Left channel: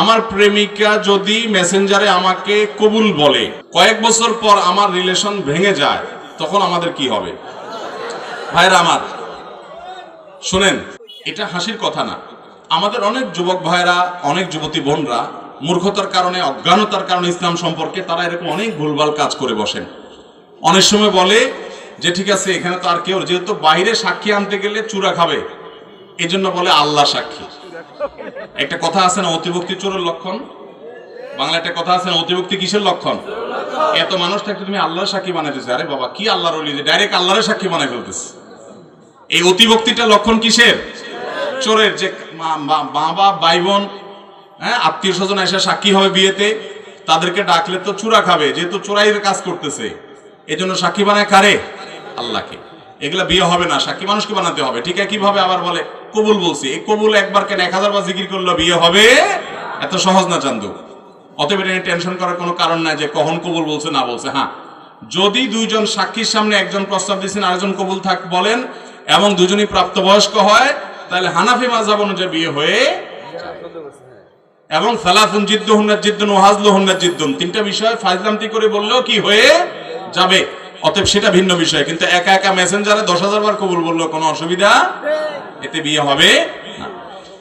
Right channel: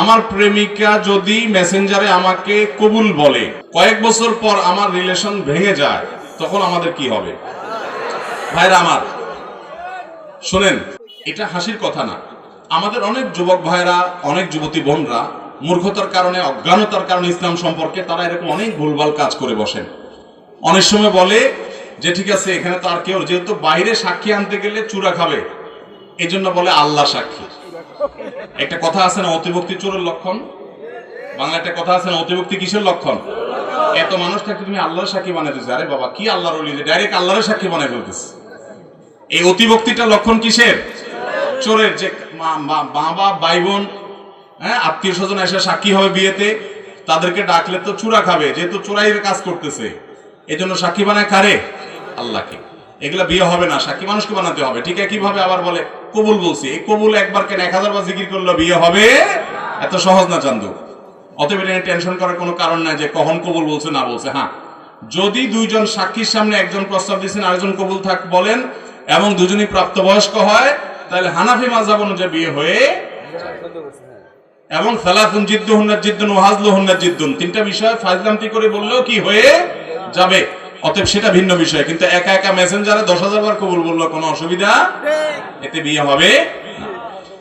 আমার প্রেমিকা যদি মেসেঞ্জারে আমাকে কবুল বলে, কয়েক বছর পর আমার রিলেশন ভেঙে যায়, তখন আমাদের কি হবে? ভাইরা আমার, শোনেন, এটা হাসির কথা না। আমাদের অনেক যুবক ভাইরা, অনেক যুবতী বোনরা মূর্খতার কারণে, অজ্ঞানতার কারণে ইসলাম সম্পর্কে তারা এরকম অনেক ভুলভাল কাজ করে বসেন। অনেক সময় বলে যে, ঠিক আছে, এখানে তো আর কেউ, যেহেতু বাইরে সাক্ষী আনতে গেলে চূড়া খাবে। এই বলে আল্লাহ সাক্ষী। একটা কথা আছে না, অতিভক্তি চোরের লক্ষণ? বাংলা একটা কথা আছে না, অতিভক্তি কিসের লক্ষণ? এত মানুষ থাকতে তুমি আল্লাহর সাক্ষী বানাইতেছে আরে বাবা, কি আল্লাহর ডাইরেক্ট আল্লাহরের সাক্ষী বানাই ফেলতেছে? এই অতিভক্তিটা লক্ষণ কিসের? চোরের যে বাবা ভাই বোন হ্যাঁ আত্মীয় স্বজন এসে সাক্ষী হবে বিয়েতে, তাদেরকে ডাকলে তো চূড়া খাবে, যেহেতু চোরাইয়ের কাজ করতেছে। এই জন্য সাক্ষী বানায় কারে? আল্লাহকে। এগুলা বিয়ে হবে না, সাক্ষী মানুষকে বানাতে হবে। ঠিক আছে, কীভাবে আবার বলে? কবুল বলছি, এই কবুল একবার কেন এক হাজার বার জিকির করলে বিয়ে হবে? এত সহজ না চান্দু। অতএব এটা টেনশন করার কোনো কারণ নাই যে কখন কবুল বলছে, না বলছে। হ্যাঁ যদি দুইজন সাক্ষীর সামনে একজন প্রস্তাব দিচ্ছেন আরেকজন কবুল থাক, বলেন, এবং দুজনই প্রাপ্তবয়স্ক হয়, তাহলে হানাফি মাযহাব অনুযায়ী বিয়ে হয়ে এবং সালাফুন জিদ্দুহুন্না জিদ্দুন ওয়াহাজলুহুন্না জিদ্দুন তিনটা বিষয় ফাজলামতি করে বললেও কি হয়ে যাবে? অতএব সেটা ভিন্ন বিষয় কিন্তু একা একা মেসেঞ্জারে দশ হাজার বার কবুল বলল কোনো অসুবিধা? এতে বিয়ে হবে।